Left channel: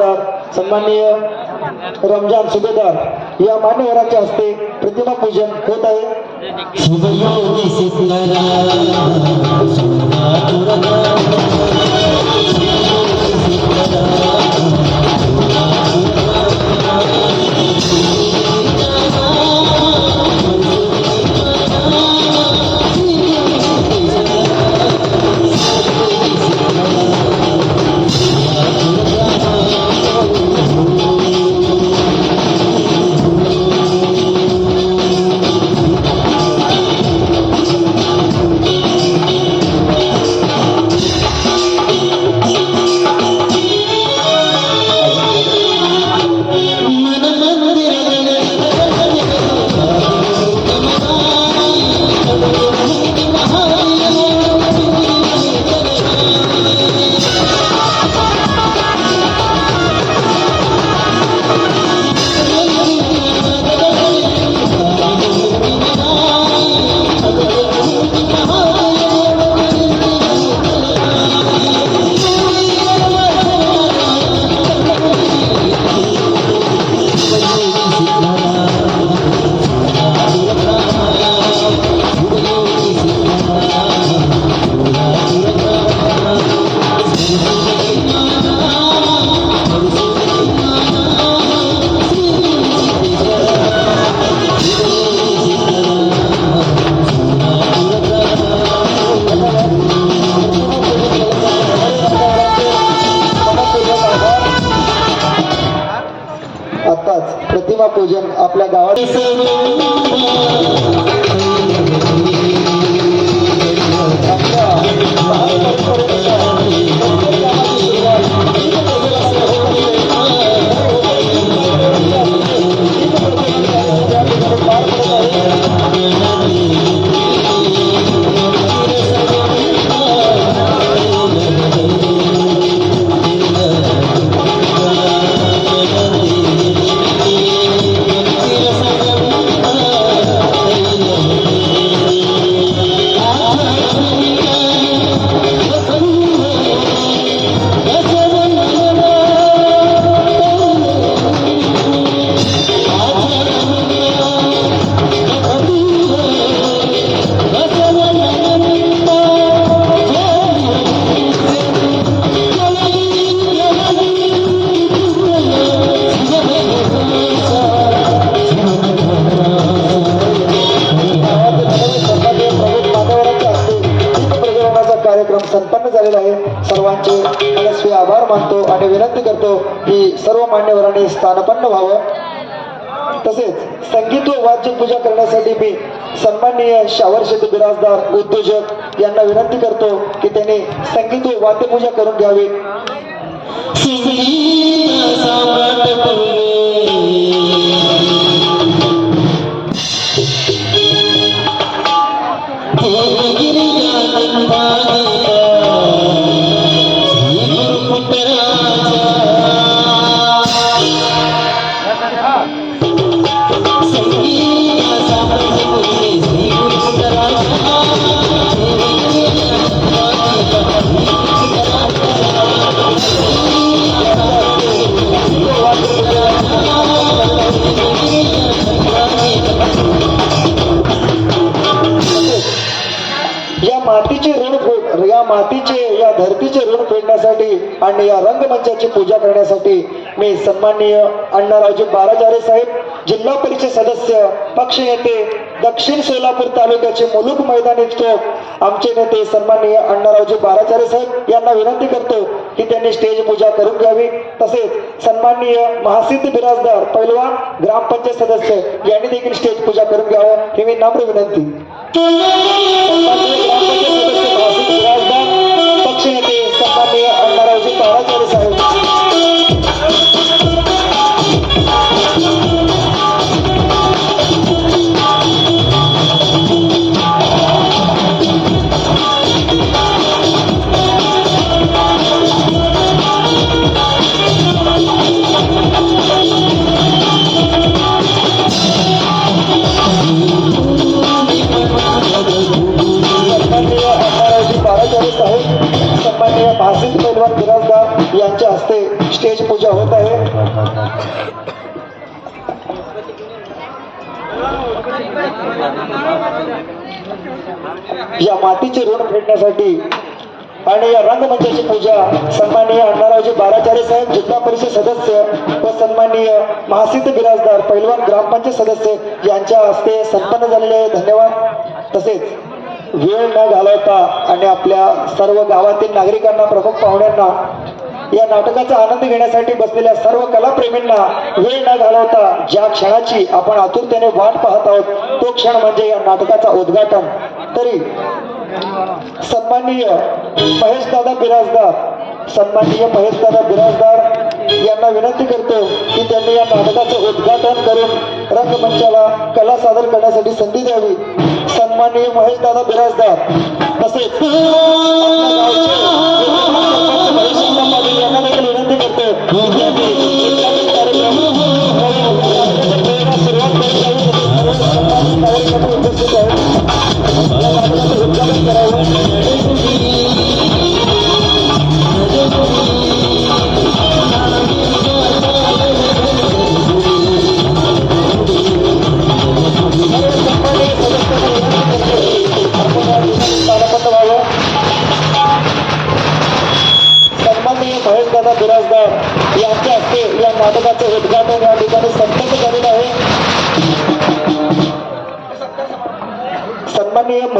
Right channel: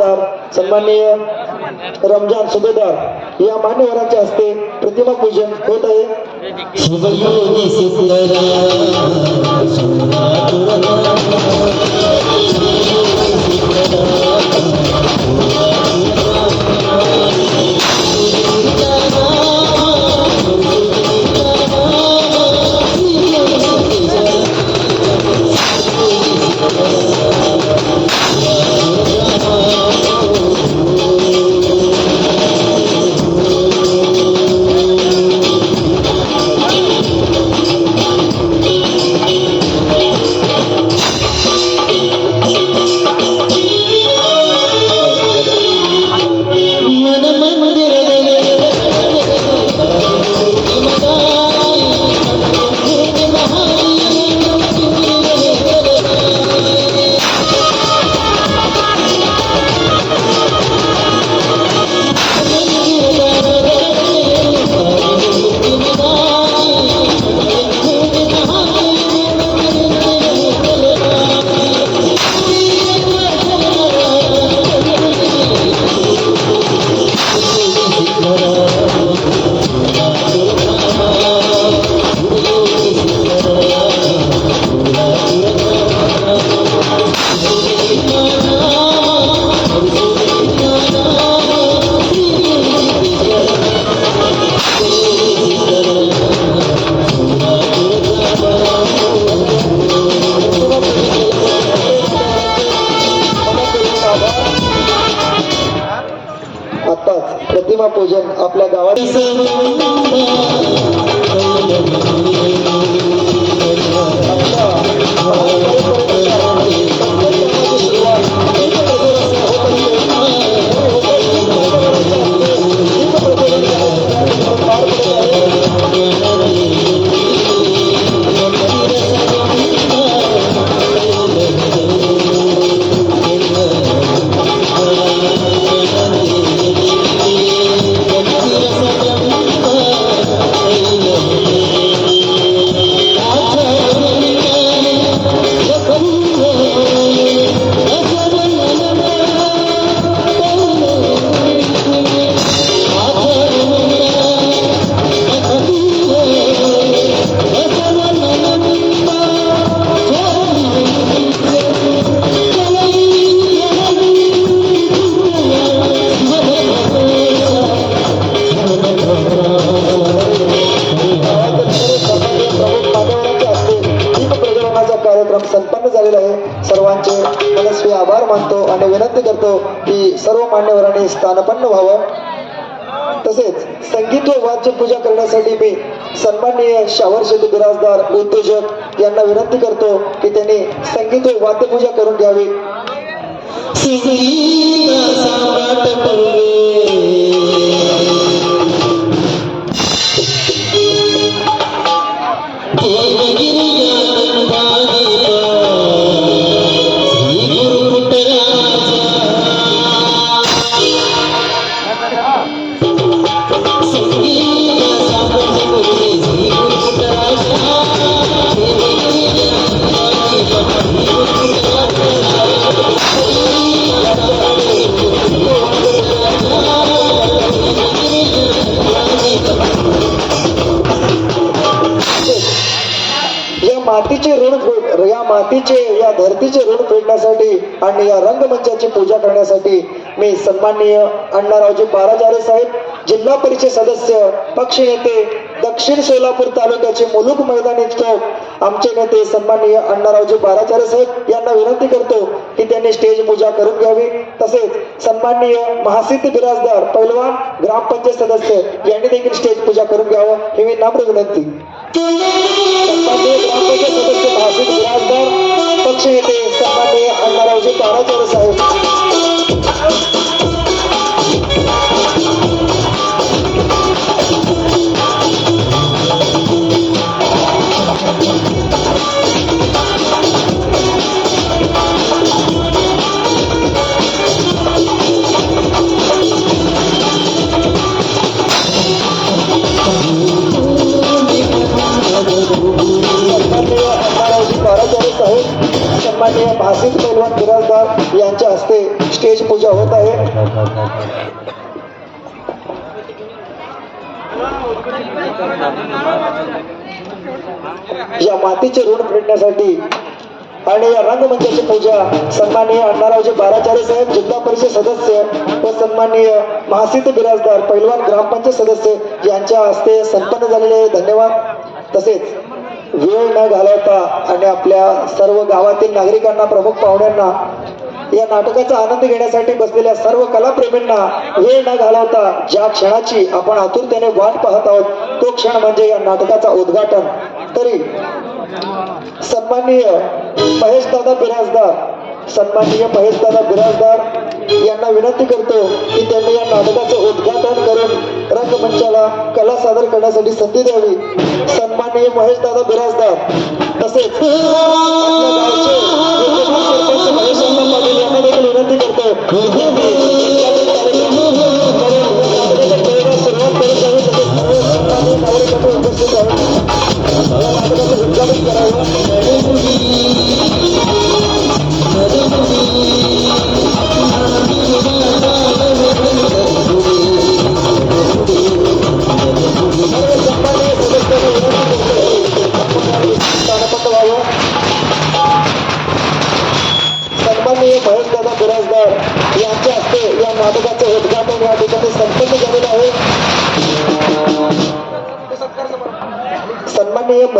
बिराजदार सन्माननीय रमजान सुभेदार या मान्यवरांच्या हस्ते प्रतिमा पूजन होत आहे. आपल्या गावात स्थानपन्न व्हावं तसेच संगीत व वाद्य पूजा करण्यासाठी मी सन्माननीय शावर शेतू बिराजदार उद्योजक यांना विनंती करतो की त्यांनी संगीत व वाद्य पूजा करून घ्यावी आणि या रंगमंचाची पूजा करण्यासाठी मी सन्माननीय अण्णारावजी बाराजारे साहेब जिल्हा परिषद सदस्य पक्ष नेते दक्षिण सोलापूर तालुक्याचे मुलुक मैदान चौक आमचे नेते सन्माननीय अण्णारावजी बाराचारे साहेब यांना विनंती करतो की त्यांनी स्टेज पूजा करून घ्यावी. तसेच सन्माननीय महासिद्ध बिराजदार पैलवान ग्रामपंचायत सदस्य यांनी देखील स्टेज पूजा करून घ्यावं ही मी नम्र विनंती. या मातीचे ऋण फेडण्यासाठी आणि या रंगमंचाची पूजा सन्माननीय अण्णारावजी बाराचार्य साहेब जिल्हा परिषद सदस्य व सन्माननीय महासिद्ध बिराजदार पैलवान ग्रामपंचायत सदस्य यांच्या हस्ते संपन्न झालेले धन्यवाद. तसेच वेळ न घालवता आणि आपल्या सर्व गावातील नागरिकांना प्रमुख पाहुण्यांना या नाटकाचा आनंद घेण्यासाठी बसलेल्या सर्व कलाप्रेमींना वेळ न घालवता ज्या क्षणाची आपण आतुरतेने वाट पाहत आहोत तो क्षण म्हणजे या नाटकाचा उद्घाटन. तरी सन्माननीय महेशदादा बिराजदार सन्माननीय महेशदादा बिराजदार यांना विनंती करतो की त्यांनी या नाटकाचं उद्घाटन करून रंगमंचाला कला सादर करण्यासाठी संधी द्यावी. सन्माननीय महेशदादा बिराजदार तसेच